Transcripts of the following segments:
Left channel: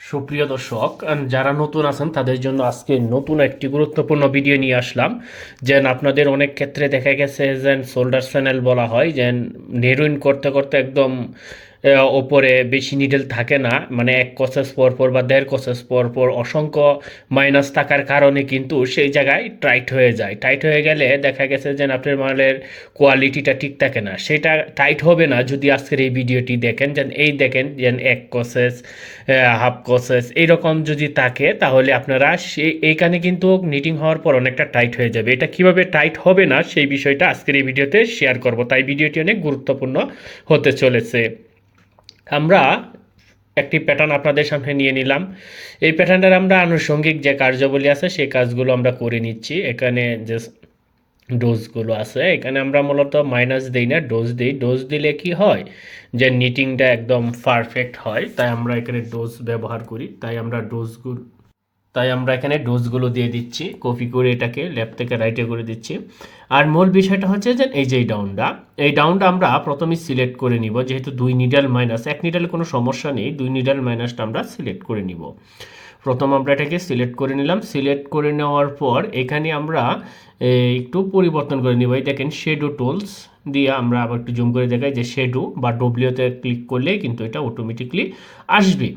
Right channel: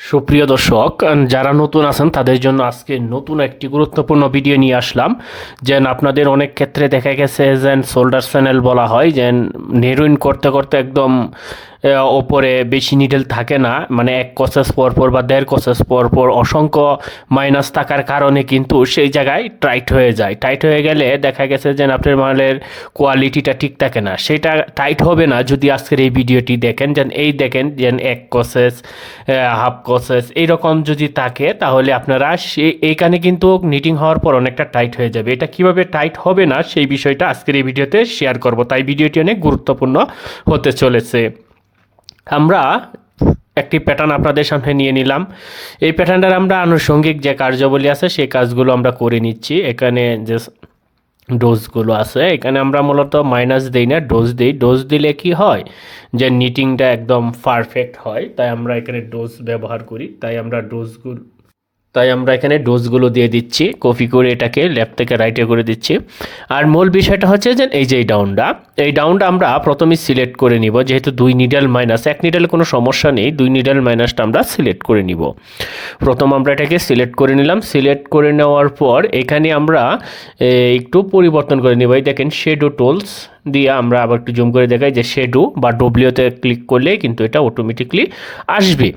সুপ্রিয় দর্শক, যারা নতুন আছেন তাদের জন্য আজকে নতুন একটি গুরুত্বপূর্ণ ভিডিও নিয়ে আসলাম। যেন আপনাদের অনেক ক্ষেত্রে দেখা গেছে যে শোল্ডার চ্যানেল বলা হয়, যে নেরুইন করতে করতে একদম ওপরে বেশি নিডেল থাকে না, মানে এক কসেস পর পর বা দেড় কসেস পর পর অসংখ্য মাইনাস থাকার কারণে কিন্তু সেই জায়গায় টাইট হয়ে যায়। টাইট হয়ে গেলে দেখা গেছে যে আপনার মালের কোয়ালিটিটা ঠিক থাকে না। সেটা টাইট হবে না যদি আজকের এই ভিডিওটি দেখেন। যেন এই দেখেন, যেন এক কসেস, হাফ কসেস এইরকম যদি থাকে, তাহলে আপনারা এইখানে কিন্তু নিটিং হওয়ার পর অনেকটা টাইট হয়ে যাবে। এটা কিভাবে টাইট হবে না সেই বিষয়টা আজকের এই ভিডিওতে শেয়ার করব, তাই ভিডিওটি অনেক গুরুত্বপূর্ণ হতে চলেছে। আমরা একটি প্যাটার্ন আপনাদের সামনে নিয়ে নিলাম। এই প্যাটার্নটার আমরা আনুষঙ্গিক যে কার্যাবলী আছে সেই কাজগুলো আমরা করে নিচ্ছি। এখানে যে ডোজগুলো আছে, এখানে আমরা মূলত মাইনাস দিই না, ডোজ দিই। ডোজ দিলে কি হয়, যে নিটিংটা একদম পারফেক্ট হয়, তাই আমরা এখানে ডোজ ব্যবহার করি। তাই আমরা এখানে ডোজগুলো দিয়ে দিচ্ছি, কপি করে এটাকে লেফট থেকে রাইটে করে দিচ্ছি। আর মূল বিষয়টা হচ্ছে যে এই ডাউনটা আমরা প্রথমে সিলেক্ট করে নিব। যেহেতু দুই নিডেল মাইনাস, এক নিডেল কোনো সমস্যা নেই, দুই নিডেল মাইনাসটা আমরা সিলেক্ট করে নিব। প্রথম আমরা এটাকে সিলেক্ট করে নিলাম। সিলেক্ট করে নেওয়ার পর এখানে আমরা একটু পরিবর্তন করে নিব। এই দেখেন শেডো টুলস দিয়ে আমরা আবার একটু জুম করে দেখাই যে শেডো বা ডব্লিউতে ক্লিক করলে কিন্তু এটা অটোমেটিকলি আসবে।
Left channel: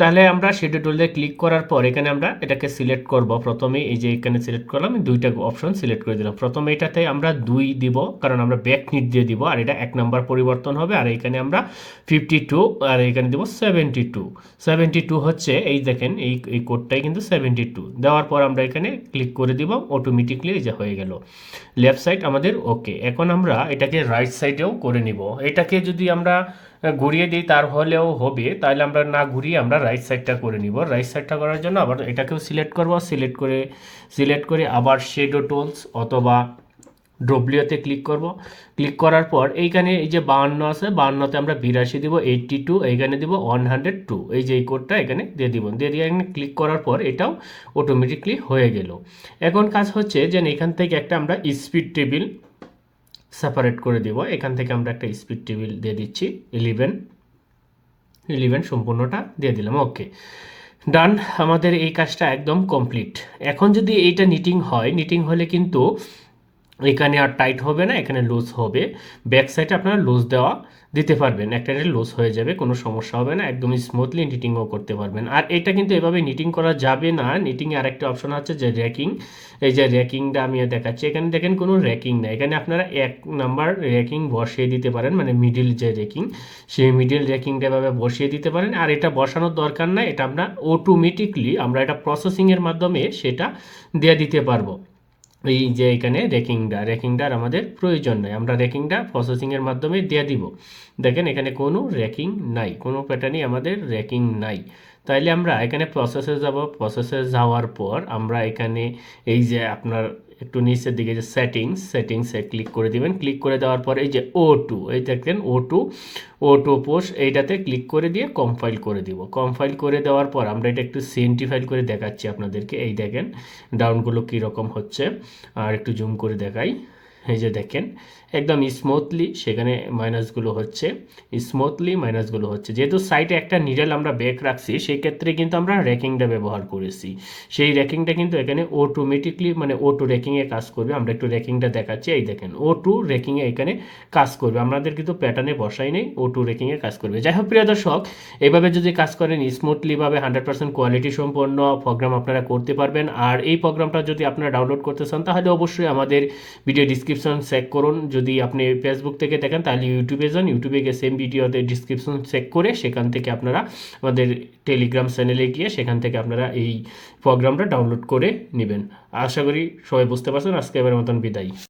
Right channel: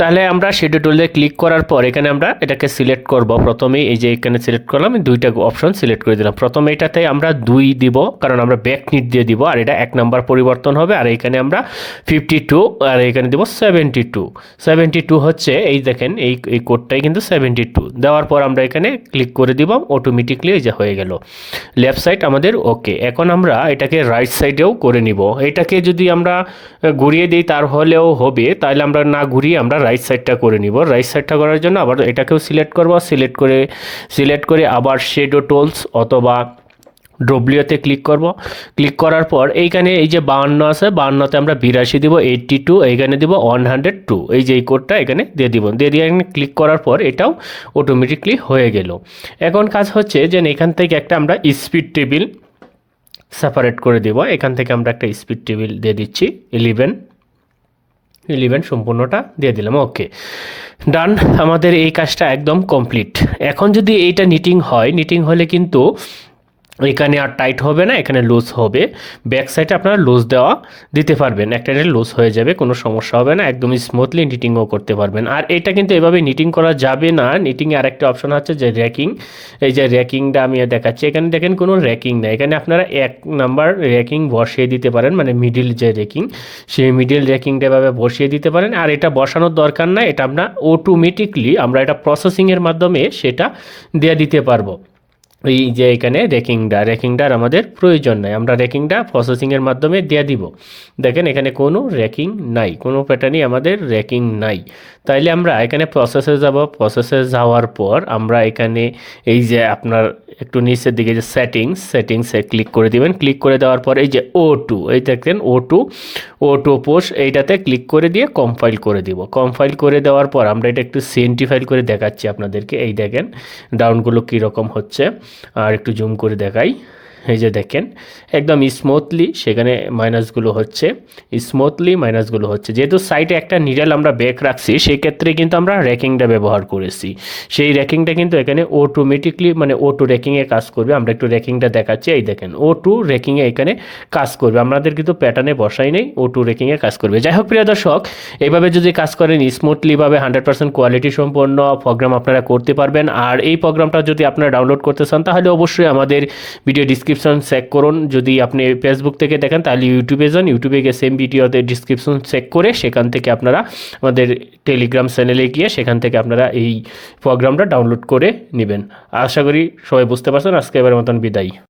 তাহলে আমরা শেডো টুলে ক্লিক করার পর এখানে আমরা এটাকে সিলেক্ট করব। প্রথমেই এই যে এখানে সিলেক্ট করলাম, দুইটা অপশন সিলেক্ট করে দিলাম। প্রথমে এটাতে আমরা 2 দিব, কারণ আমরা ব্যাক নিট দিয়ে দিব, আর এটা 1 নাম্বার পরিবর্তন হবে। আর এখানে আমরা 52 আর এখানে দিব 72 হচ্ছে, এই দেখেন এই কোডটাই কিন্তু 72 দেওয়ার পর আমরা এখানে ক্লিক করে দিব, অটোমেটিকলি এই যে হয়ে গেল লেফট সাইড আমাদের ওকে। এখন আমরা এটাকে রাইট সাইডেও করে নিব। এটাকে যদি আমরা ঘুরিয়ে দিই তাহলেও হবে, তাহলে আমরা না ঘুরিয়ে আমরা রাইট সাইডটা করে নিব। রাইট সাইডটা করার জন্য আবার এটাকেও সিলেক্ট করব। সিলেক্ট করে আবার শেডো টুলস অথবা ডব্লিউতে ক্লিক করব। ক্লিক করার পর এইখানে এই যে 52 আছে, 52তে আমরা 82 দিব, 82 এইখানে দিব 102, এই যে এই কোডটা এখানে দিয়ে দিব। দিয়ে এখানে ক্লিক করার পর এটাও অটোমেটিকলি হয়ে গেল। এখন কাজ হচ্ছে যে এখান থেকে একটা আমরা স্পিড টেবিল সেপারেট করে দেব। এখান থেকে আমরা একটা স্পিড টেবিল দিয়ে দিচ্ছি 11 সম্পূর্ণটা দিয়ে দিলাম, ওকে ডান। আমাদের এই কাজটা একদম কমপ্লিট। এখন যদি এইটা নিটিং হলে কিন্তু এখানে আর টাইট হবে না, এখানে লুজ হবে। ব্যাক সাইডে আপনারা লুজ দিতে পারবেন, একটা লুজ হয়ে যাবে, কোনো সমস্যা হবে না, একদম স্মুথলি নিটিংও করতে পারবেন। আর এটা কিন্তু এভাবে নিটিং করা যাবে না। নিটিংয়ে আরেকটা অপশন আছে যে র্যাকিং। এই যে র্যাকিংটা আমি দেখাচ্ছি, এখানে দেখেন কোনো র্যাকিং নেই। এখানে আপনারা 1 নাম্বার র্যাকিং বসিয়ে দিতে পারেন, মানে মিডিল যে র্যাকিং, সেই মিডিল র্যাকিংটা এভাবে বসিয়ে দিতে পারেন। আর এটা বসানোর দরকার নাই, এটা আমরা অটোমেটিকলি আমরা এটা প্রসেসিংয়ের মাধ্যমে সেটা দিয়ে দিতে পারবো। এই যে এখানে র্যাকিংটার আমাদের প্রয়োজন নাই, আমরা র্যাকিংটা প্রসেসিংয়ের মাধ্যমে দিয়ে দিব। দেখেন এখানে কোনো র্যাকিং নাই, কোনো প্যাটার্নই আমাদের র্যাকিং নাই। তাইলে আমরা এখানে প্রসেসে যাওয়ার পর আমরা এখানে এই যে আপনার একটু নিচের দিকে যে সেটিংসে ক্লিক করে দিবেন। ক্লিক করে দেওয়ার পর এই যে O2, এই দেখেন O2 পোস্ট, এইটাতে ক্লিক করে দিয়ে কম্পাইল করে দিব। কম্পাইল করে দেওয়ার পর আমরা এটা একটু সেন্টিফাইড করে দেখাচ্ছি আপনাদেরকে। এই দেখেন ডাউনগুলো কীরকম হচ্ছে, আর একটু জুম করে দেখাই। এই যে দেখেন একদম স্মুথলি সেখানে মাইনাসগুলো হচ্ছে। যেহেতু সাইডে একটা নিডেল আমরা ব্যাক রাখছি, সেই ক্ষেত্রে কিন্তু আমরা র্যাকিংটা ব্যবহার করেছি। সেই র্যাকিংটা কিন্তু এখানে অটোমেটিকলি মানে O2 র্যাকিংয়ে কাজ করবে। আমরা একটু র্যাকিংটা দেখাচ্ছি, এই দেখেন O2 র্যাকিংয়ে এখানে কাজ করবে। আমাদের কিন্তু প্যাটার্নে বসাই নেই, O2 র্যাকিংয়ে কাজ করবে। যাই হোক প্রিয় দর্শক, এইভাবে যদি কাজ করেন স্মুথলিভাবে 100% কোয়ালিটি সম্পন্ন প্রোগ্রাম আপনারা করতে পারবেন। আর এই প্রোগ্রামটা যদি আপনারা ডাউনলোড করতে চান তাহলে অবশ্যই আমাদের ভিডিও ডিসক্রিপশন চেক করুন। যদি আপনি ফেসবুক থেকে দেখেন তাহলে ইউটিউবে যান, ইউটিউবে গিয়ে সেম ভিডিওতে ডিসক্রিপশন চেক করে সেখান থেকে আপনারা আমাদের টেলিগ্রাম চ্যানেলে গিয়ে সেখান থেকে আপনারা এই প্রোগ্রামটা ডাউনলোড করে নেবেন। আশা করি সবাই বুঝতে পারছেন। আজকে এবার মতন বিদায়।